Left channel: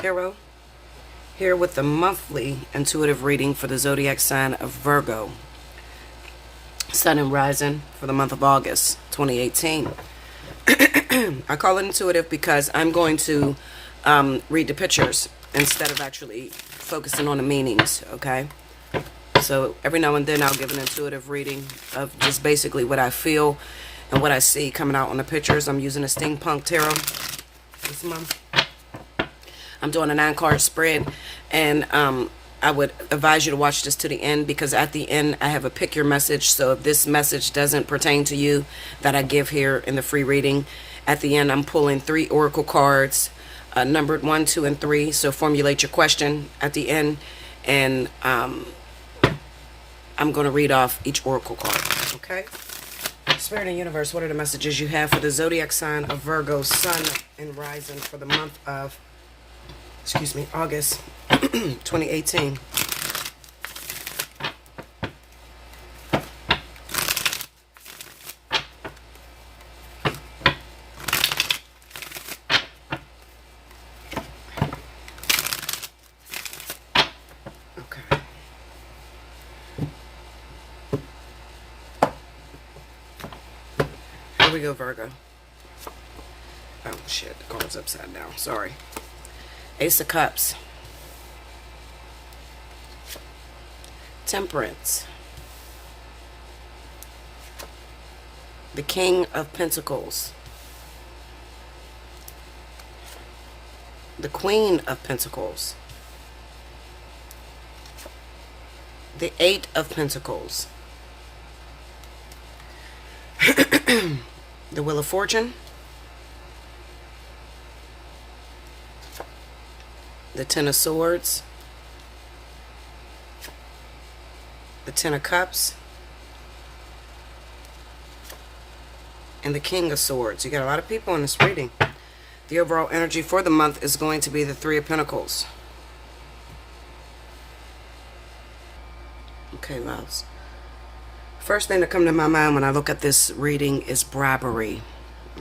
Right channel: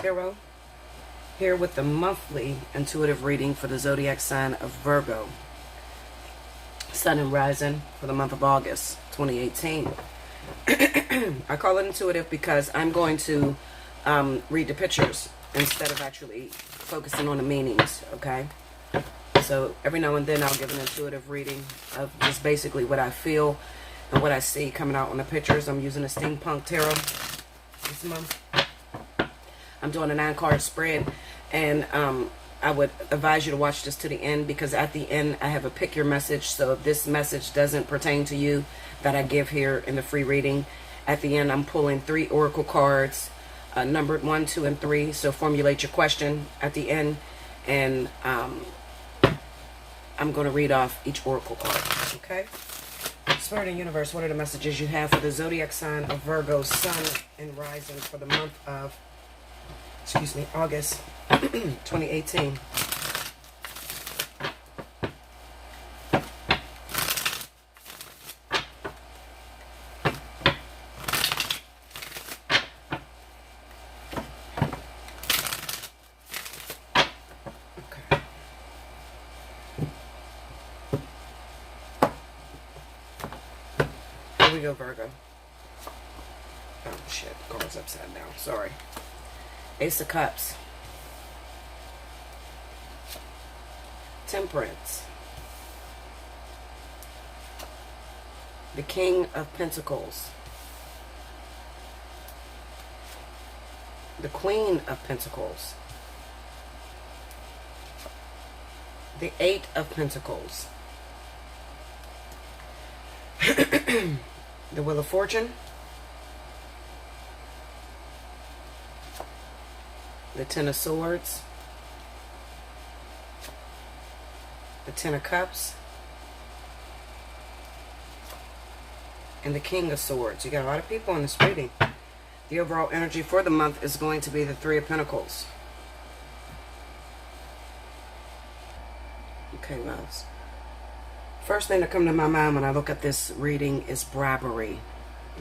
Tarot, here with the monthly intuitive reading for the zodiac sign of Virgo, Sun and Rising for the month of August 2018. I call it intuitive because I'm going to read the pictures instead of actually focusing on the meanings, okay? So every now and then I'll give an intuitive reading of just basically what I feel and what I see coming out on the pictures. I'm using a steampunk tarot this month. I'm doing a 9-card spread, and I would advise you to watch this to the end, because at the end I have a pick your message. So if this message doesn't pertain to you that I give here in the free reading, at the end I'm pulling 3 oracle cards, numbered 1, 2, and 3. So formulate your question at the end, and I'm going to read off each oracle card, okay? Spirit and Universe, what are the messages you have for the zodiac sign of Virgo, Sun and Rising for the month of August 2018. Okay. Here we go, Virgo. Oh shit, the card's upside down. Sorry. Ace of Cups, Temperance, the King of Pentacles, the Queen of Pentacles, the 8 of Pentacles, the Wheel of Fortune, the 10 of Swords, the 10 of Cups, and the King of Swords. You got a lot of people in this reading. The overall energy for the month is going to be the 3 of Pentacles. Okay, loves. First thing that comes to my mind when I look at this reading is bribery.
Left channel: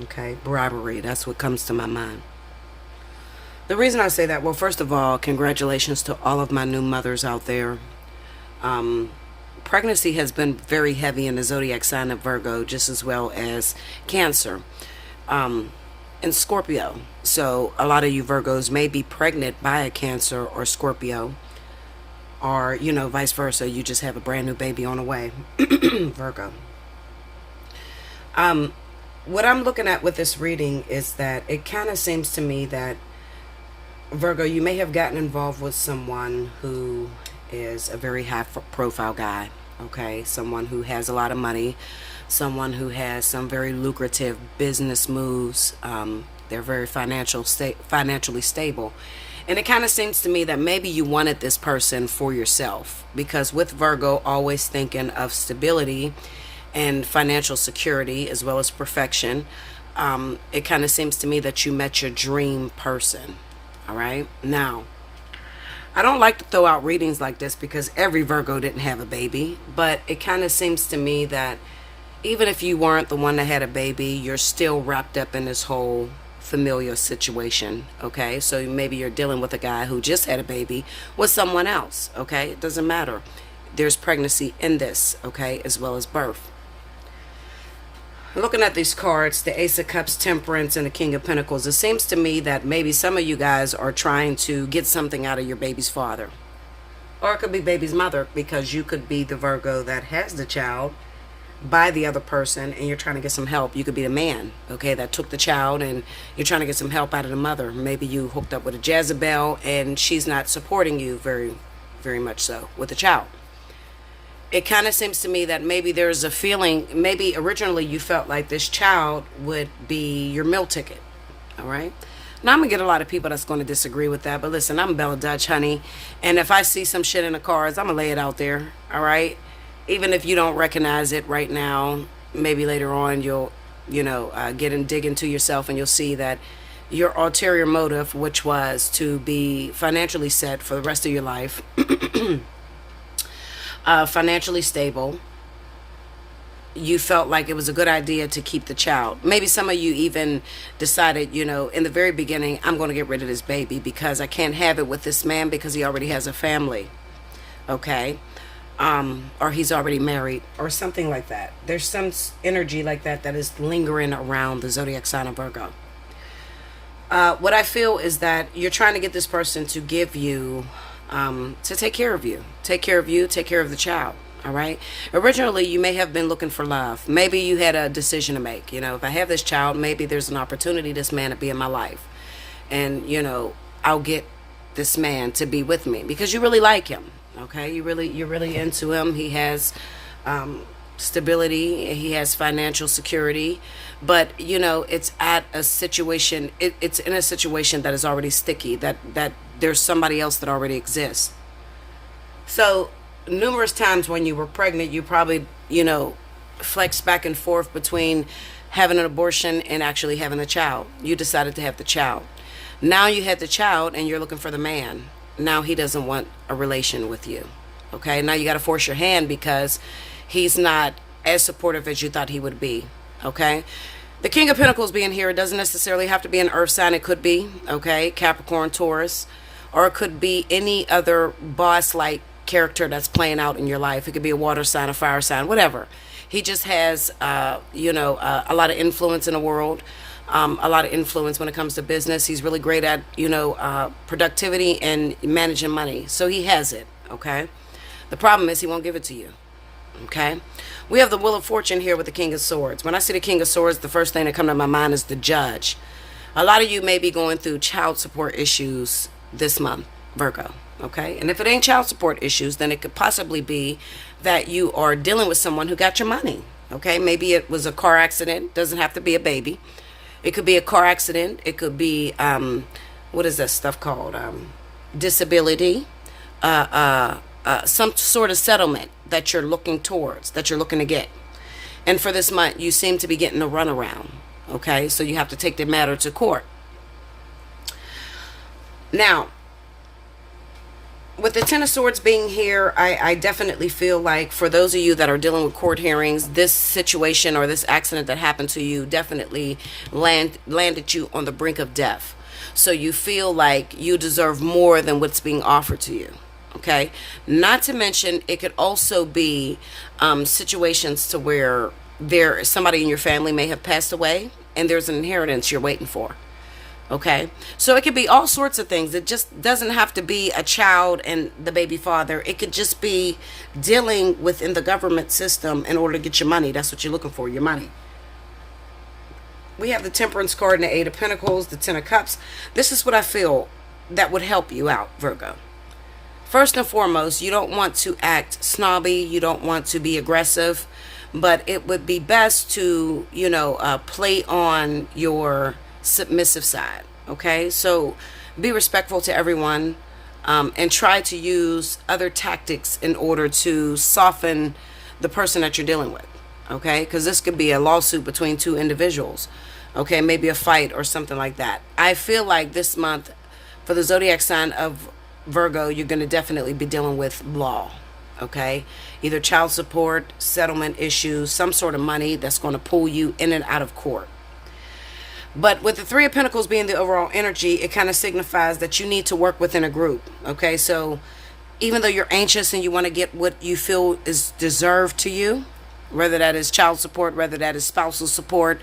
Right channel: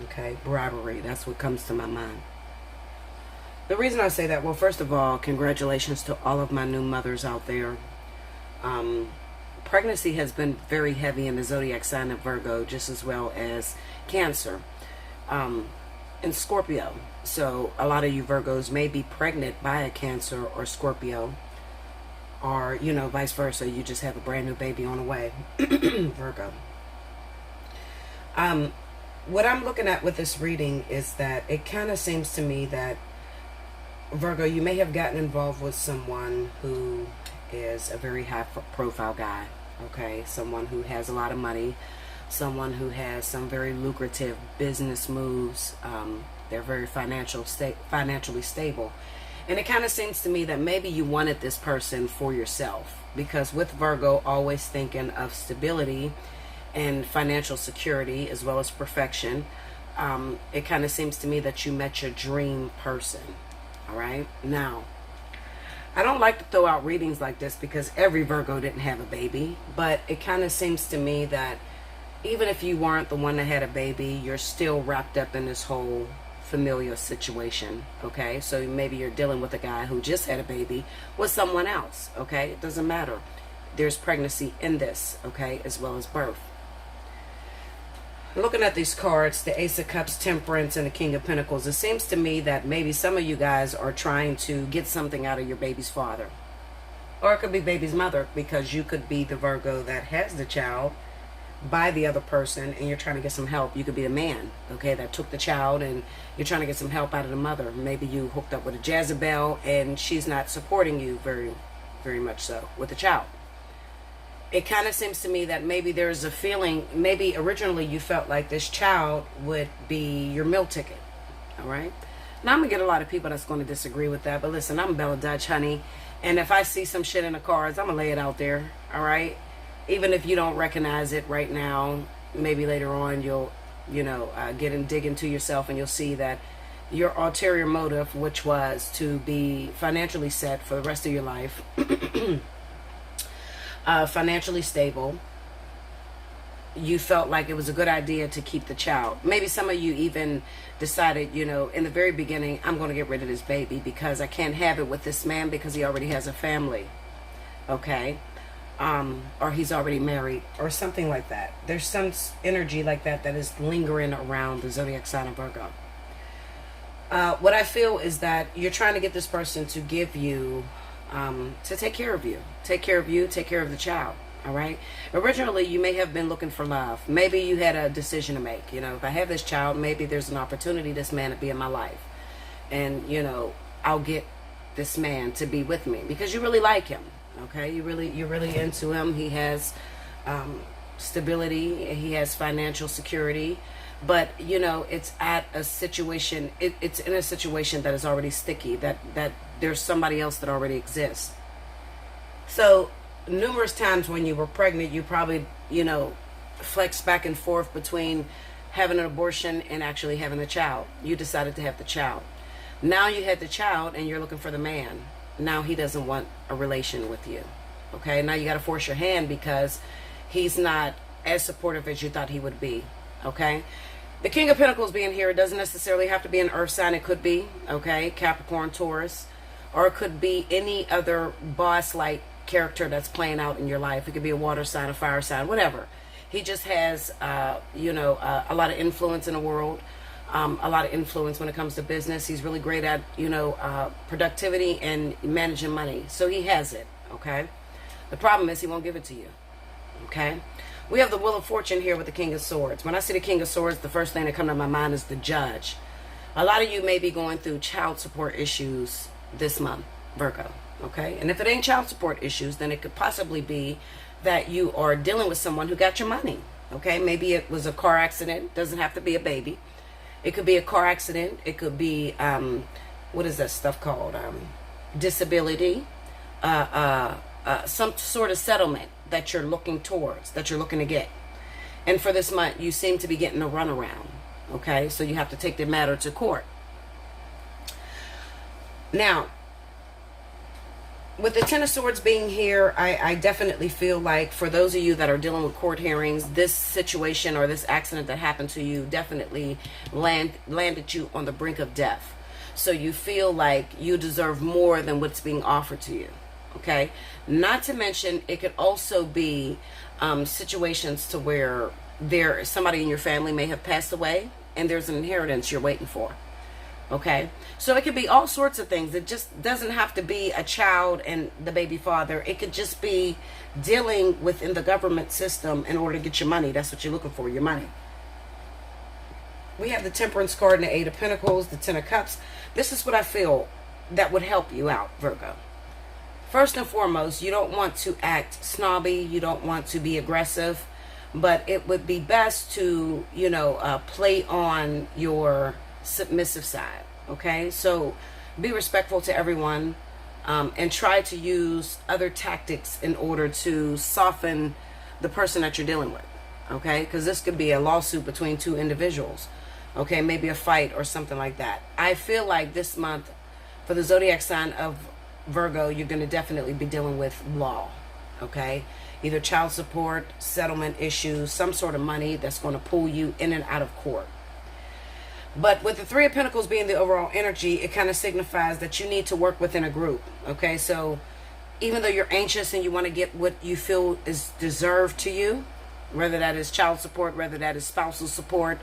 Okay, bribery. That's what comes to my mind. The reason I say that, well, first of all, congratulations to all of my new mothers out there. Pregnancy has been very heavy in the zodiac sign of Virgo, just as well as Cancer and Scorpio. So a lot of you Virgos may be pregnant by a Cancer or Scorpio, or, you know, vice versa. You just have a brand new baby on the way. Virgo. What I'm looking at with this reading is that it kind of seems to me that Virgo, you may have gotten involved with someone who is a very high profile guy, okay? Someone who has a lot of money, someone who has some very lucrative business moves. They're very financially stable. And it kind of seems to me that maybe you wanted this person for yourself, because with Virgo, always thinking of stability and financial security as well as perfection, it kind of seems to me that you met your dream person. All right. Now, I don't like to throw out readings like this because every Virgo didn't have a baby, but it kind of seems to me that even if you weren't the one that had a baby, you're still wrapped up in this whole familiar situation. Okay. So maybe you're dealing with a guy who just had a baby with someone else. Okay. It doesn't matter. There's pregnancy in this. Okay. As well as birth. Looking at these cards, the Ace of Cups, Temperance, and the King of Pentacles, it seems to me that maybe some of you guys are trying to get something out of your baby's father. Or it could be baby's mother, because you could be the Virgo that has the child by the other person and you're trying to get some help. You could be the man, okay, that took the child and you're trying to get some help out of the mother. Maybe you hooked up with a Jezebel and she's not supporting you very, very much so with the child. It kind of seems to me that maybe there's a feeling, maybe originally you felt like this child would be your meal ticket, all right? Now, I'm going to get a lot of people that's going to disagree with that, but listen, I'm Bella Dutch, honey, and if I see some shit in the cards, I'm going to lay it out there, all right? Even if you don't recognize it right now, maybe later on you'll, dig into yourself and you'll see that your ulterior motive, which was to be financially set for the rest of your life, financially stable, you felt like it was a good idea to keep the child. Maybe some of you even decided, in the very beginning, I'm going to get rid of this baby because I can't have it with this man because he already has a family. Okay? Or he's already married or something like that. There's some energy like that is lingering around the zodiac sign of Virgo. What I feel is that you're trying to get this person to give you, to take care of you. Take care of you, take care of the child. All right. Originally, you may have been looking for love. Maybe you had a decision to make. If I have this child, maybe there's an opportunity this man to be in my life. And, I'll get this man to be with me because you really like him. Okay. You're really into him. He has stability. He has financial security. But, it's at a situation. It's in a situation that is already sticky, that there's somebody else that already exists. So, numerous times when you were pregnant, you probably, flexed back and forth between having an abortion and actually having the child. You decided to have the child. Now you had the child and you're looking for the man. Now he doesn't want a relation with you. Okay, now you got to force your hand because he's not as supportive as you thought he would be. Okay, the King of Pentacles being here, it doesn't necessarily have to be an earth sign. It could be, okay, Capricorn, Taurus, or it could be any other boss-like character that's playing out in your life. It could be a water sign, a fire sign, whatever. He just has a lot of influence in the world, a lot of influence when it comes to business. He's really great at productivity and managing money, so he has it. Okay, the problem is he won't give it to you. Okay, we have the Wheel of Fortune here with the King of Swords. When I see the King of Swords, the first thing that comes to my mind is the Judge. A lot of you may be going through child support issues this month, Virgo. Okay, and if it ain't child support issues, then it could possibly be that you are dealing with someone who got your money. Okay, maybe it was a car accident. Doesn't have to be a baby. It could be a car accident. It could be what is that stuff called? Disability. Some sort of settlement that you're looking towards, that you're looking to get. And for this month, you seem to be getting a runaround. Okay, so you have to take the matter to court. Now, with the Ten of Swords being here, I definitely feel like for those of you that are dealing with court hearings, this situation or this accident that happened to you definitely landed you on the brink of death. So you feel like you deserve more than what's being offered to you. Okay? Not to mention, it could also be situations to where somebody in your family may have passed away and there's an inheritance you're waiting for. Okay, so it could be all sorts of things. It just doesn't have to be a child and the baby father. It could just be dealing within the government system in order to get your money. That's what you're looking for, your money. We have the Temperance card and the Eight of Pentacles, the Ten of Cups. This is what I feel that would help you out, Virgo. First and foremost, you don't want to act snobby. You don't want to be aggressive. But it would be best to, play on your submissive side. Okay, so be respectful to everyone, and try to use other tactics in order to soften the person that you're dealing with. Okay, because this could be a lawsuit between two individuals. Okay, maybe a fight or something like that. I feel like this month for the zodiac sign of Virgo, you're going to definitely be dealing with law. Okay, either child support, settlement issues, some sort of money that's going to pull you in and out of court. But with the Three of Pentacles being the overall energy, it kind of signifies that you need to work within a group. Okay, so even though you're anxious and you want to get what you feel is deserved to you, whether that is child support, whether that is spousal support,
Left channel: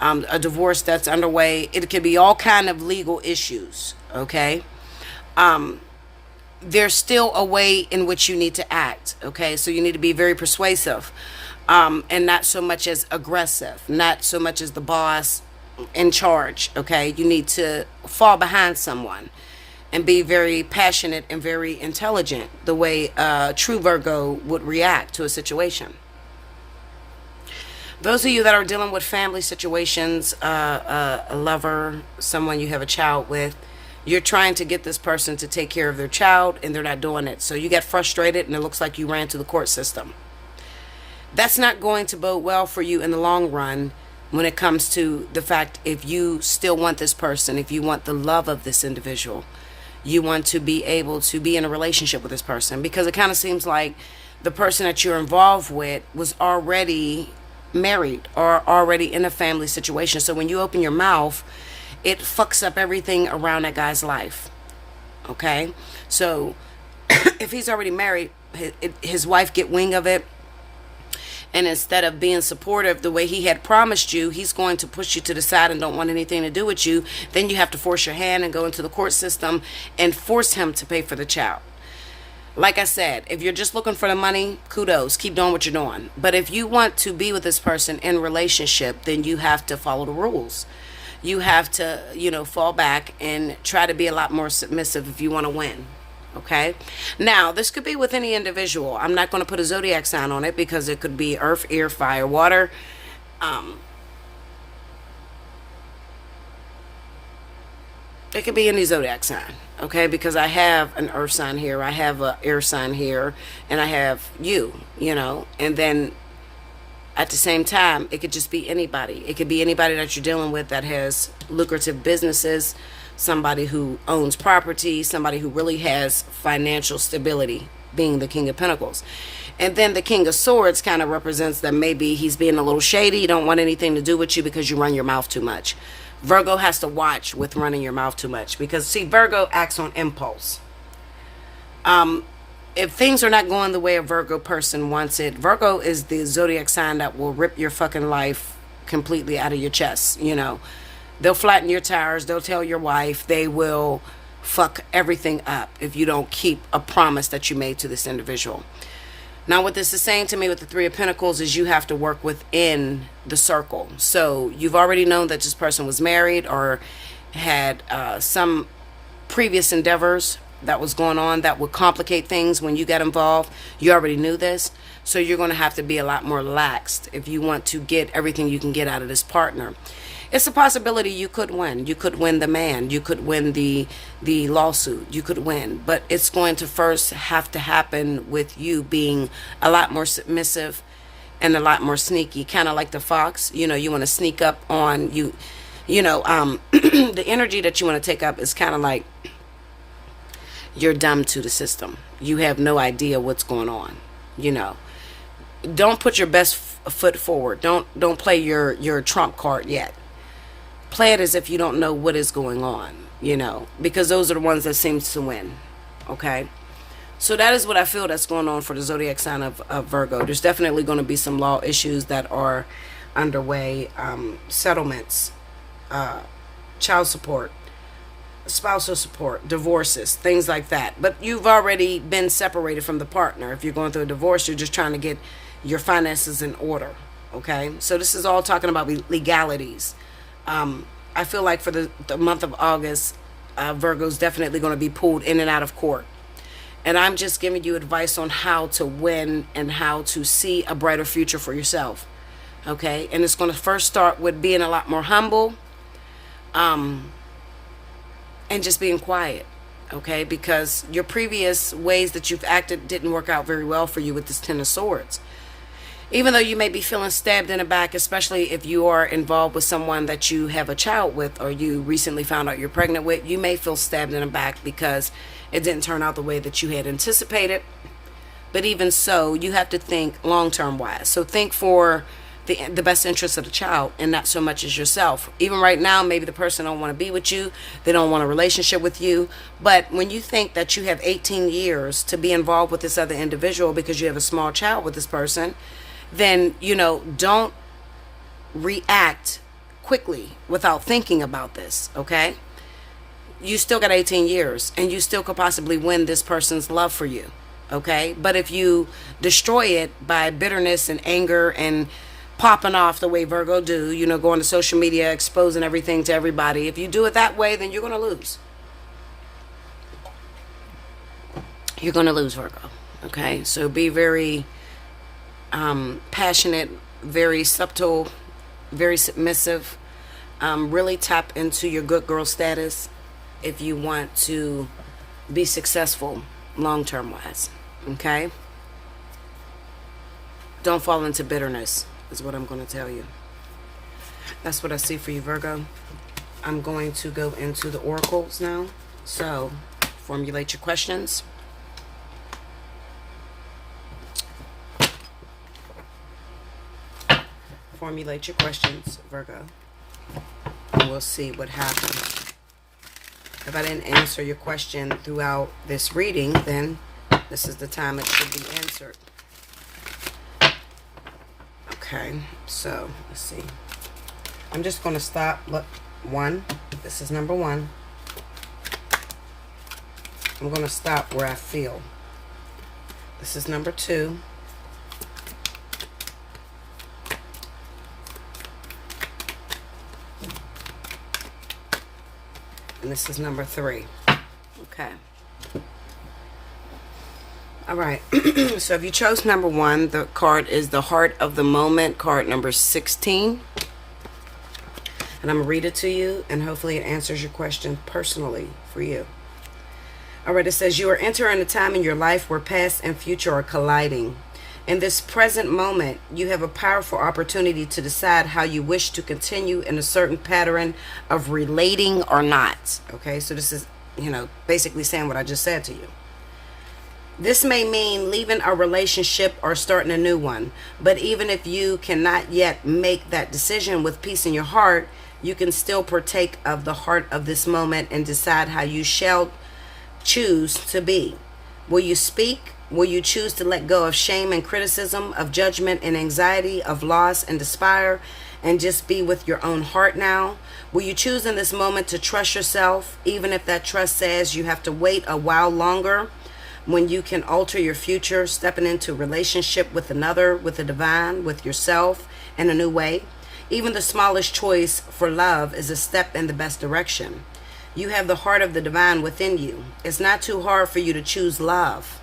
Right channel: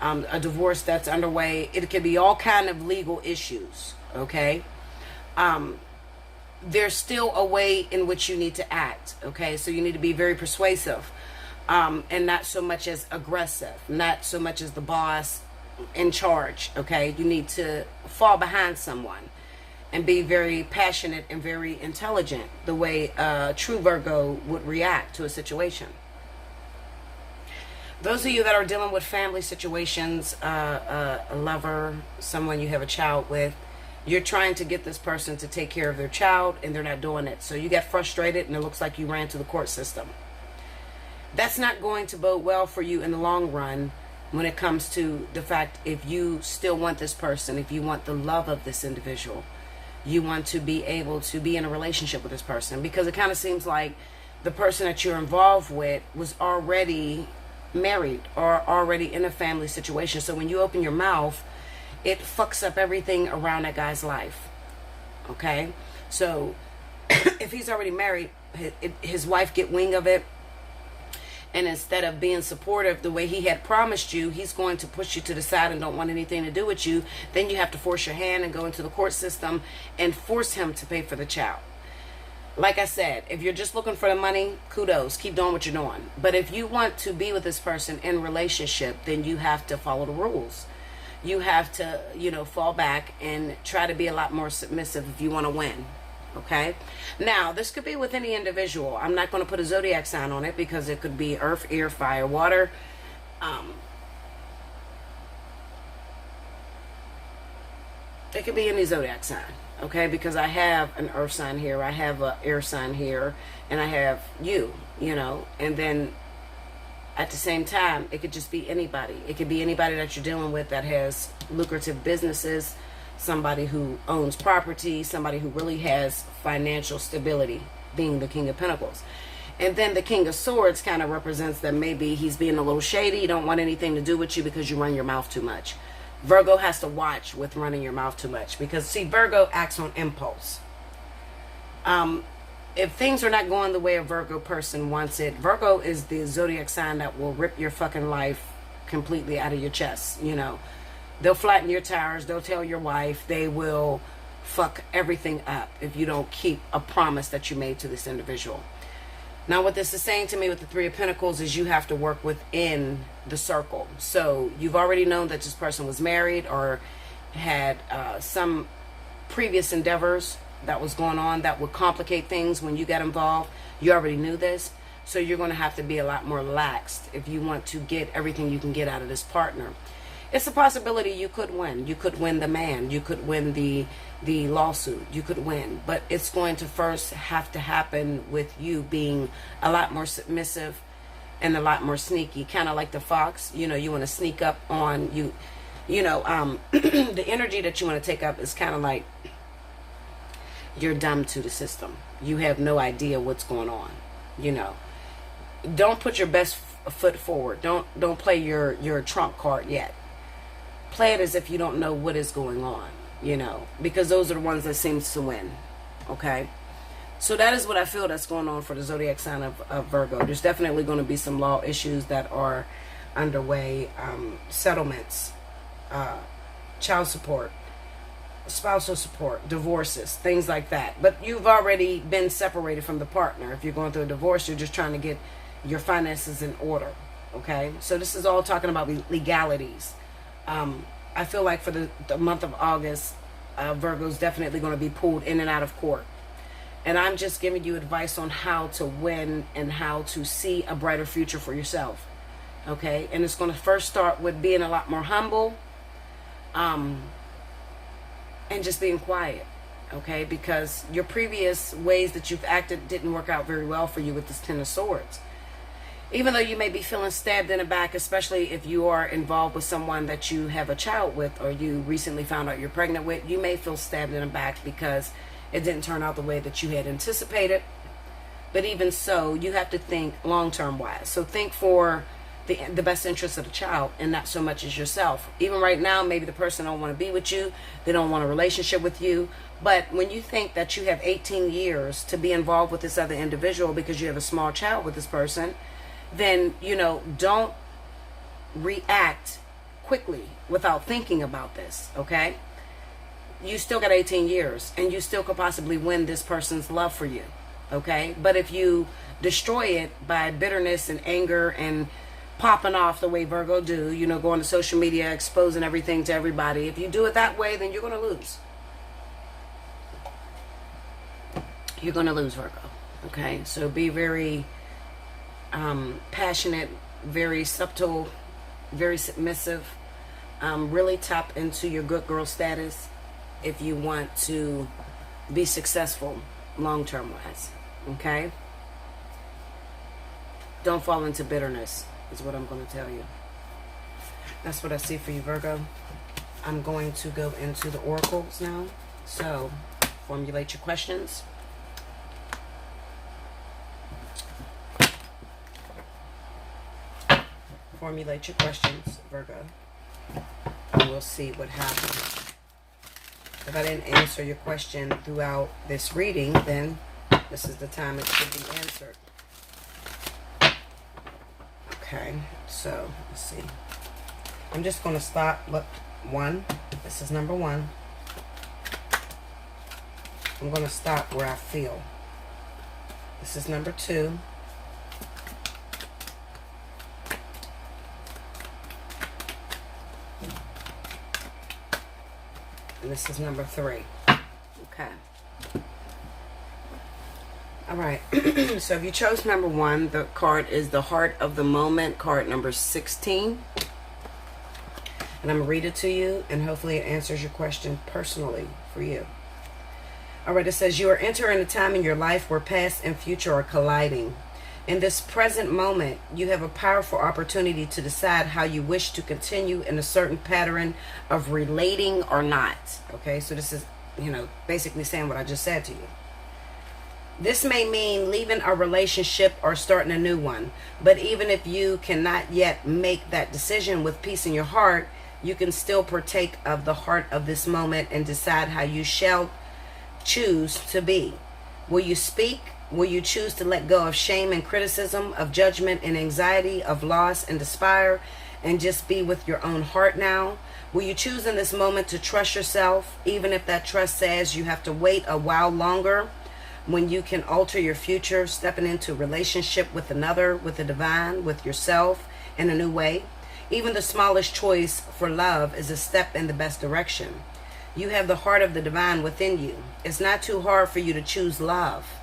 a divorce that's underway, it could be all kind of legal issues. Okay, there's still a way in which you need to act. Okay, so you need to be very persuasive, and not so much as aggressive, not so much as the boss in charge. Okay, you need to fall behind someone and be very passionate and very intelligent, the way a true Virgo would react to a situation. Those of you that are dealing with family situations, a lover, someone you have a child with, you're trying to get this person to take care of their child and they're not doing it. So you get frustrated and it looks like you ran to the court system. That's not going to bode well for you in the long run when it comes to the fact if you still want this person, if you want the love of this individual, you want to be able to be in a relationship with this person, because it kind of seems like the person that you're involved with was already married or already in a family situation. So when you open your mouth, it fucks up everything around that guy's life. Okay? So if he's already married, his wife get wing of it, and instead of being supportive the way he had promised you, he's going to push you to the side and don't want anything to do with you. Then you have to force your hand and go into the court system and force him to pay for the child. Like I said, if you're just looking for the money, kudos, keep doing what you're doing. But if you want to be with this person in relationship, then you have to follow the rules. You have to, fall back and try to be a lot more submissive if you want to win. Okay? Now, this could be with any individual. I'm not going to put a zodiac sign on it because it could be earth, air, fire, water. It could be any zodiac sign. Okay? Because I have an earth sign here. I have an air sign here. And I have you, And then at the same time, it could just be anybody. It could be anybody that you're dealing with that has lucrative businesses, somebody who owns property, somebody who really has financial stability, being the King of Pentacles. And then the King of Swords kind of represents that maybe he's being a little shady. You don't want anything to do with you because you run your mouth too much. Virgo has to watch with running your mouth too much because, see, Virgo acts on impulse. If things are not going the way a Virgo person wants it, Virgo is the zodiac sign that will rip your fucking life completely out of your chest, They'll flatten your tires. They'll tell your wife. They will fuck everything up if you don't keep a promise that you made to this individual. Now, what this is saying to me with the Three of Pentacles is you have to work within the circle. So you've already known that this person was married or had some previous endeavors that was going on that would complicate things when you got involved. You already knew this. So you're going to have to be a lot more laxed if you want to get everything you can get out of this partner. It's a possibility you could win. You could win the man. You could win the lawsuit. You could win. But it's going to first have to happen with you being a lot more submissive and a lot more sneaky. Kind of like the fox. You want to sneak up on you. The energy that you want to take up is kind of like you're dumb to the system. You have no idea what's going on. Don't put your best foot forward. Don't play your trump card yet. Play it as if you don't know what is going on, because those are the ones that seems to win. Okay? So that is what I feel that's going on for the zodiac sign of Virgo. There's definitely going to be some law issues that are underway, settlements, child support, spousal support, divorces, things like that. But you've already been separated from the partner. If you're going through a divorce, you're just trying to get your finances in order. Okay? So this is all talking about legalities. I feel like for the month of August, Virgo's definitely going to be pulled in and out of court. And I'm just giving you advice on how to win and how to see a brighter future for yourself. Okay? And it's going to first start with being a lot more humble, and just being quiet. Okay? Because your previous ways that you've acted didn't work out very well for you with this Ten of Swords. Even though you may be feeling stabbed in the back, especially if you are involved with someone that you have a child with or you recently found out you're pregnant with, you may feel stabbed in the back because it didn't turn out the way that you had anticipated. But even so, you have to think long-term wise. So think for the best interest of the child and not so much as yourself. Even right now, maybe the person don't want to be with you. They don't want a relationship with you. But when you think that you have 18 years to be involved with this other individual because you have a small child with this person, then, don't react quickly without thinking about this, okay? You still got 18 years, and you still could possibly win this person's love for you, okay? But if you destroy it by bitterness and anger and popping off the way Virgo do, going to social media, exposing everything to everybody, if you do it that way, then you're going to lose. You're going to lose, Virgo, okay? So be very passionate, very subtle, very submissive. Really tap into your good girl status if you want to be successful long-term wise. Okay? Don't fall into bitterness is what I'm going to tell you. That's what I see for you, Virgo. I'm going to go into the oracles now. So, formulate your questions. formulate your questions, Virgo, and we'll see what happens. If I didn't answer your question throughout this reading, then this is the time it should be answered. Okay, so let's see. I'm just going to stop. Look, 1. This is number 1. I'm going to stop where I feel. This is number 2. And this is number 3. Okay. All right. So if you chose number 1, the card is the Heart of the Moment, card number 16. And I'm going to read it to you, and hopefully it answers your question personally for you. All right. It says, you are entering a time in your life where past and future are colliding. In this present moment, you have a powerful opportunity to decide how you wish to continue in a certain pattern of relating or not. Okay, so this is, basically saying what I just said to you. This may mean leaving a relationship or starting a new one. But even if you cannot yet make that decision with peace in your heart, you can still partake of the heart of this moment and decide how you shall choose to be. Will you speak? Will you choose to let go of shame and criticism, of judgment and anxiety, of loss and despair, and just be with your own heart now? Will you choose in this moment to trust yourself, even if that trust says you have to wait a while longer, when you can alter your future, stepping into a relationship with another, with the divine, with yourself in a new way? Even the smallest choice for love is a step in the best direction. You have the heart of the divine within you. It's not too hard for you to choose love.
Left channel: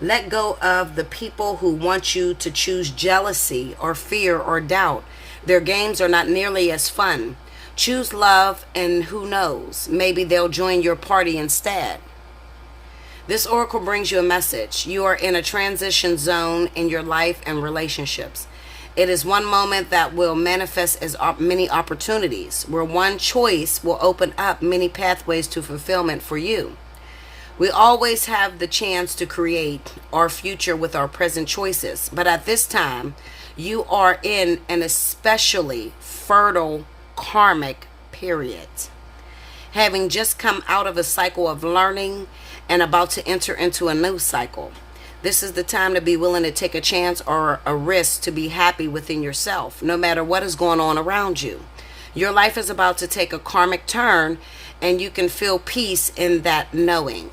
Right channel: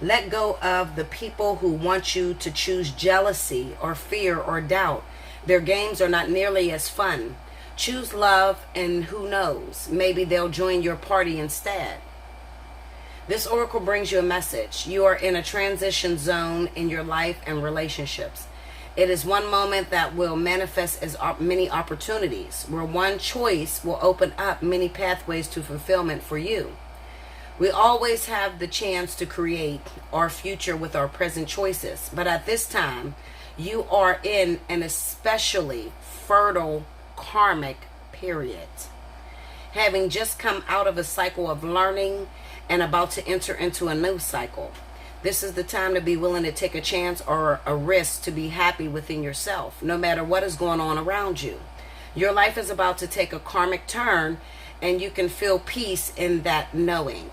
Let go of the people who want you to choose jealousy or fear or doubt. Their games are not nearly as fun. Choose love, and who knows, maybe they'll join your party instead. This oracle brings you a message. You are in a transition zone in your life and relationships. It is one moment that will manifest as many opportunities, where one choice will open up many pathways to fulfillment for you. We always have the chance to create our future with our present choices. But at this time, you are in an especially fertile karmic period. Having just come out of a cycle of learning and about to enter into a new cycle. This is the time to be willing to take a chance or a risk to be happy within yourself, no matter what is going on around you. Your life is about to take a karmic turn, and you can feel peace in that knowing.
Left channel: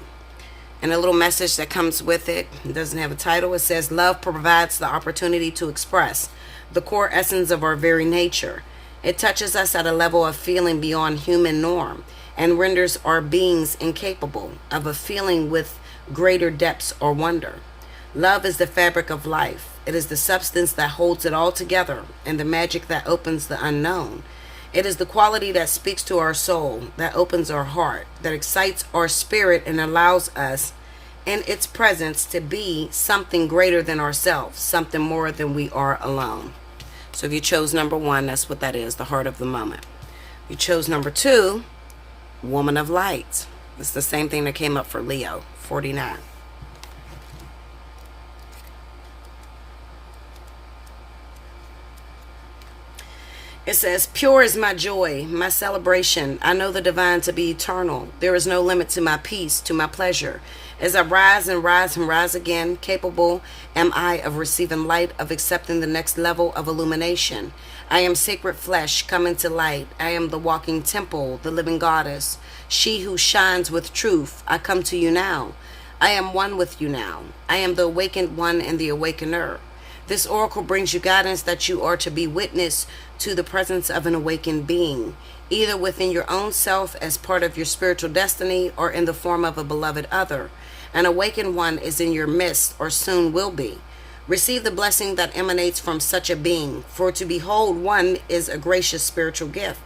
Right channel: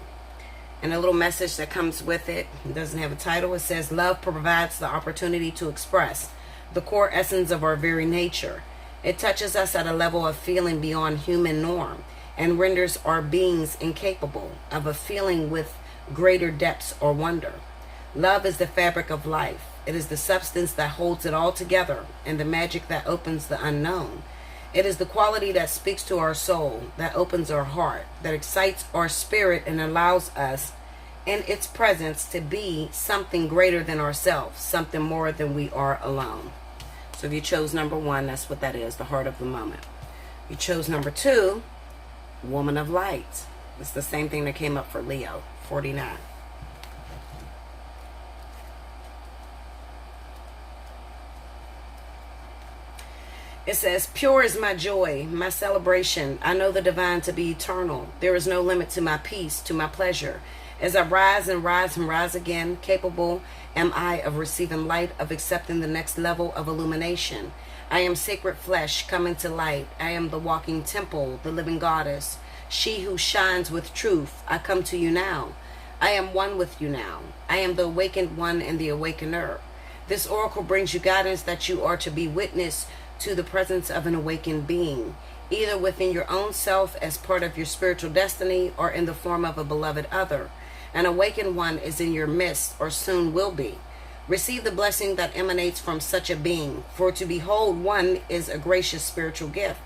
And a little message that comes with it, it doesn't have a title. It says, love provides the opportunity to express the core essence of our very nature. It touches us at a level of feeling beyond human norm and renders our beings incapable of a feeling with greater depths or wonder. Love is the fabric of life. It is the substance that holds it all together and the magic that opens the unknown. It is the quality that speaks to our soul, that opens our heart, that excites our spirit and allows us in its presence to be something greater than ourselves, something more than we are alone. So if you chose number 1, that's what that is, the heart of the moment. You chose number 2, woman of light. It's the same thing that came up for Leo, 49. It says, pure is my joy, my celebration. I know the divine to be eternal. There is no limit to my peace, to my pleasure. As I rise and rise and rise again, capable am I of receiving light, of accepting the next level of illumination. I am sacred flesh coming to light. I am the walking temple, the living goddess, she who shines with truth. I come to you now. I am one with you now. I am the awakened one and the awakener. This oracle brings you guidance that you are to be witness to the presence of an awakened being, either within your own self as part of your spiritual destiny or in the form of a beloved other. An awakened one is in your midst or soon will be. Receive the blessing that emanates from such a being, for to behold one is a gracious spiritual gift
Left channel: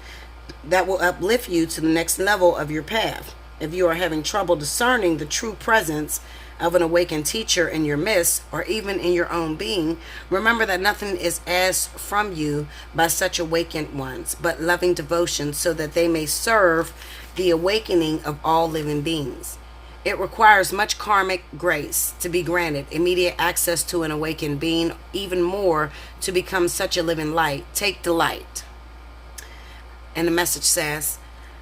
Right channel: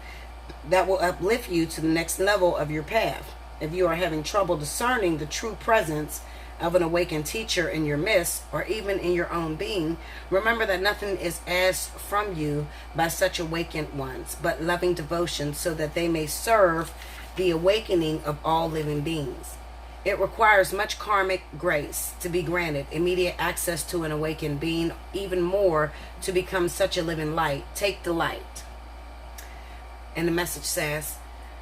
that will uplift you to the next level of your path. If you are having trouble discerning the true presence of an awakened teacher in your midst, or even in your own being, remember that nothing is asked from you by such awakened ones, but loving devotion so that they may serve the awakening of all living beings. It requires much karmic grace to be granted immediate access to an awakened being, even more to become such a living light. Take delight. And the message says,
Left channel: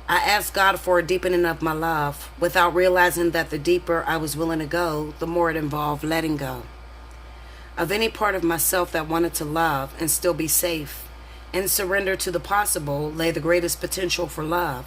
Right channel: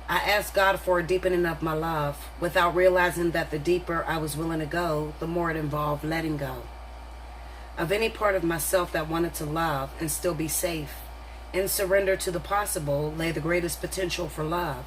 I asked God for a deepening of my love without realizing that the deeper I was willing to go, the more it involved letting go of any part of myself that wanted to love and still be safe. In surrender to the possible lay the greatest potential for love.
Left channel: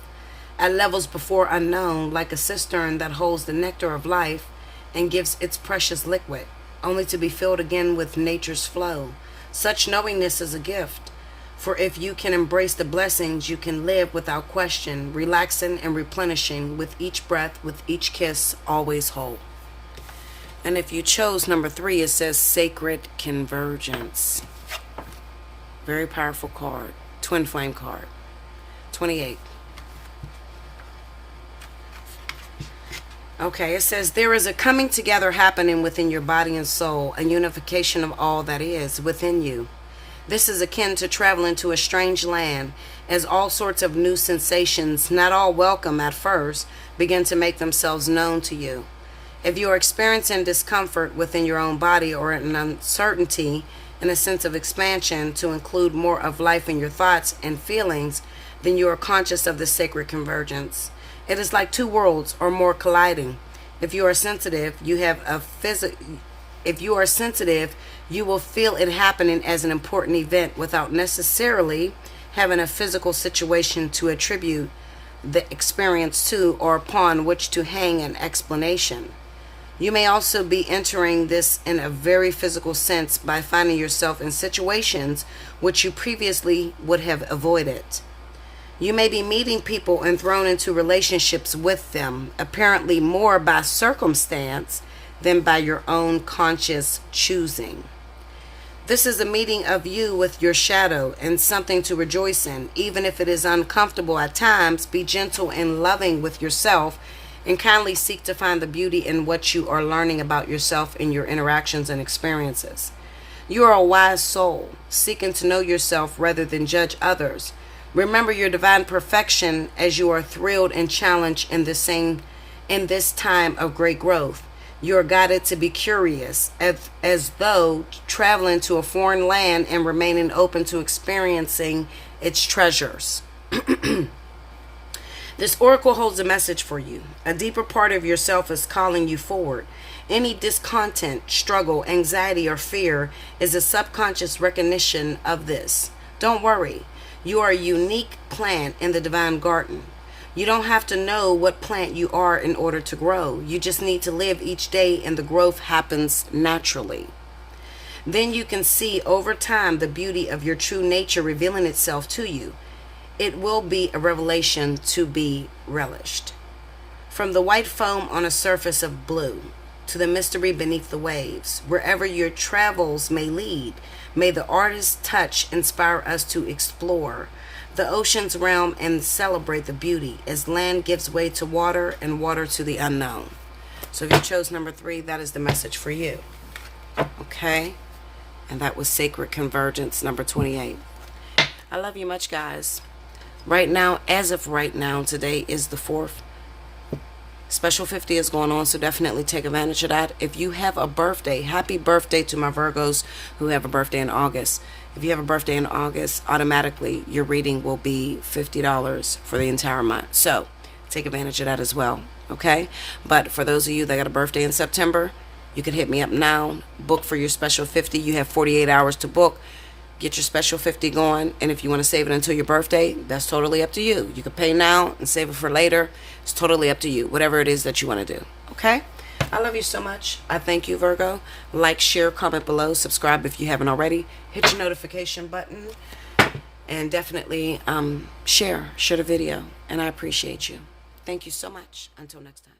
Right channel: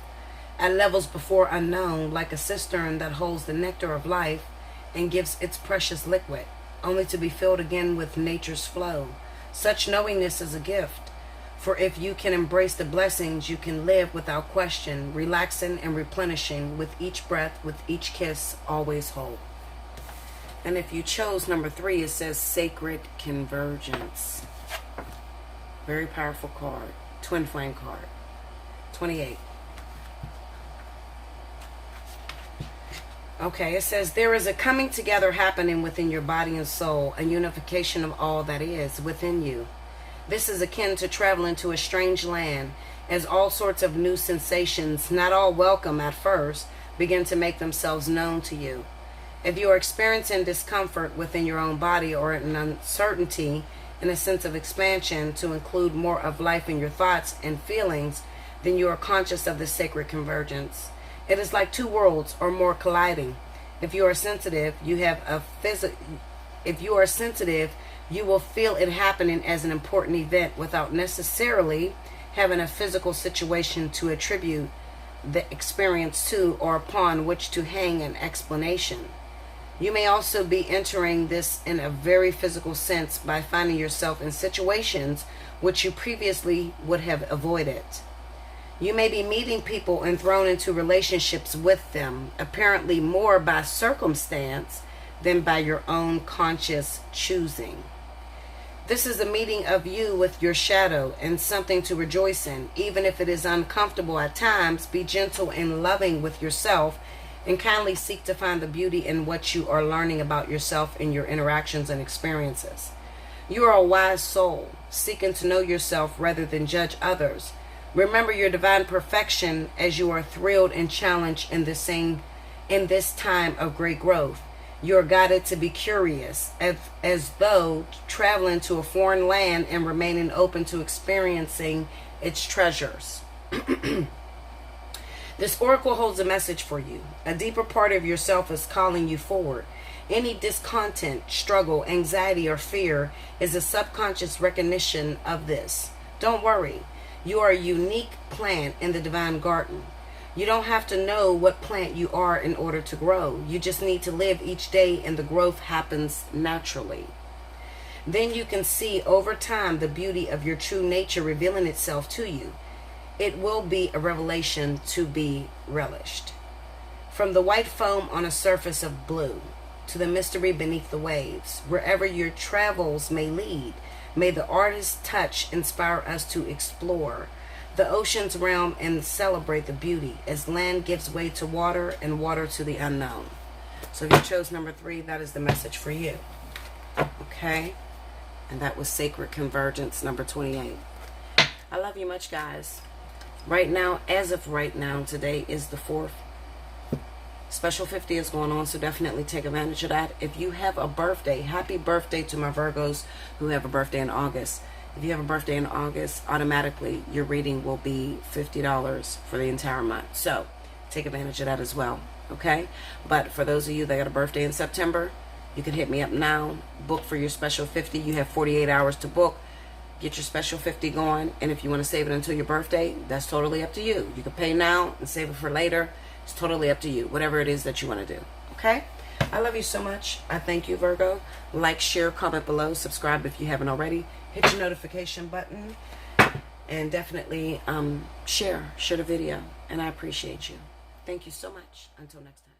At levels before unknown, like a cistern that holds the nectar of life and gives its precious liquid, only to be filled again with nature's flow. Such knowingness is a gift. For if you can embrace the blessings, you can live without question, relaxing and replenishing with each breath, with each kiss, always whole. And if you chose number 3, it says Sacred Convergence. Very powerful card. Twin flame card. 28. Okay, it says there is a coming together happening within your body and soul, a unification of all that is within you. This is akin to traveling to a strange land, as all sorts of new sensations, not all welcome at first, begin to make themselves known to you. If you are experiencing discomfort within your own body or an uncertainty and a sense of expansion to include more of life in your thoughts and feelings, then you are conscious of the sacred convergence. It is like two worlds or more colliding. If you are sensitive, you will feel it happening as an important event without necessarily having a physical situation to attribute the experience to or upon which to hang an explanation. You may also be entering this in a very physical sense by finding yourself in situations which you previously would have avoided. You may be meeting people and thrown into relationships with them, apparently more by circumstance than by your own conscious choosing. This is a meeting of you with your shadow and something to rejoice in. Even if it is uncomfortable at times, be gentle and loving with yourself and kindly seek to find the beauty in what you are learning about yourself in your interactions and experiences. You are a wise soul, seeking to know yourself rather than judge others. Remember your divine perfection as you are thrilled and challenged in this time of great growth. You are guided to be curious, as though traveling to a foreign land and remaining open to experiencing its treasures. This oracle holds a message for you. A deeper part of yourself is calling you forward. Any discontent, struggle, anxiety, or fear is a subconscious recognition of this. Don't worry. You are a unique plant in the divine garden. You don't have to know what plant you are in order to grow. You just need to live each day and the growth happens naturally. Then you can see over time the beauty of your true nature revealing itself to you. It will be a revelation to be relished. From the white foam on a surface of blue to the mystery beneath the waves, wherever your travels may lead, may the artist's touch inspire us to explore the ocean's realm and celebrate the beauty as land gives way to water and water to the unknown. So if you chose number 3, that is the message for you. Okay? And that was Sacred Convergence, number 28. I love you much, guys. Right now, as of right now, today is the 4th. Special 50 is going on, so definitely take advantage of that. If you have a birthday, happy birthday to my Virgos who have a birthday in August. If you have a birthday in August, automatically your reading will be $50 for the entire month. So take advantage of that as well, okay? But for those of you that got a birthday in September, you can hit me up now. Book for your special 50. You have 48 hours to book. Get your special 50 going, and if you want to save it until your birthday, that's totally up to you. You can pay now and save it for later. It's totally up to you, whatever it is that you want to do, okay? I love you so much. I thank you, Virgo. Like, share, comment below, subscribe if you haven't already. Hit your notification button, and definitely share the video, and I appreciate you. Thank you so much. Until next time.